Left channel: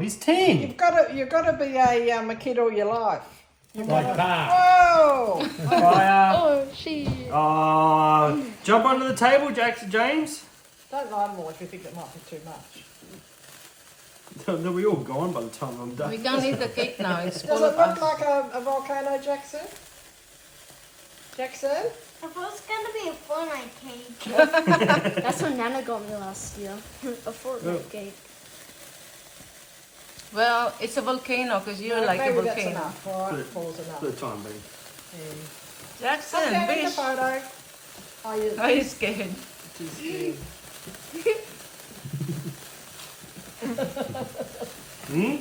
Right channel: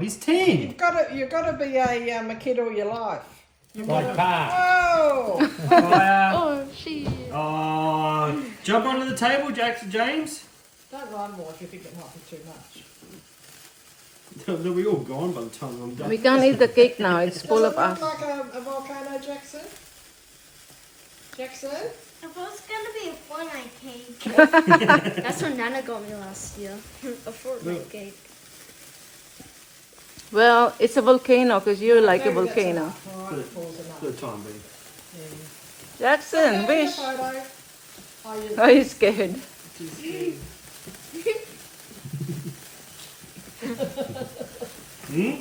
He's 10. You've got to be a kid all your life. Like that. Whoa! Fire. She. Oh, jump onto the table, James. Don't lie more if you think it might be too much. They'll be all gone by the time I'm done. We don't need the cake now. It's Does full it of look like a volcano, Jackson? Jackson? I thought it was gonna be a Fortnite cake. That's what Nana got me last year. A Fortnite cake. Well, it's a volcano because you're like a Maybe that's volcano. enough. All right, pause enough. For the time being. Jackson, Okay, take a wish. photo. Oh, you Are you scared? Hmm?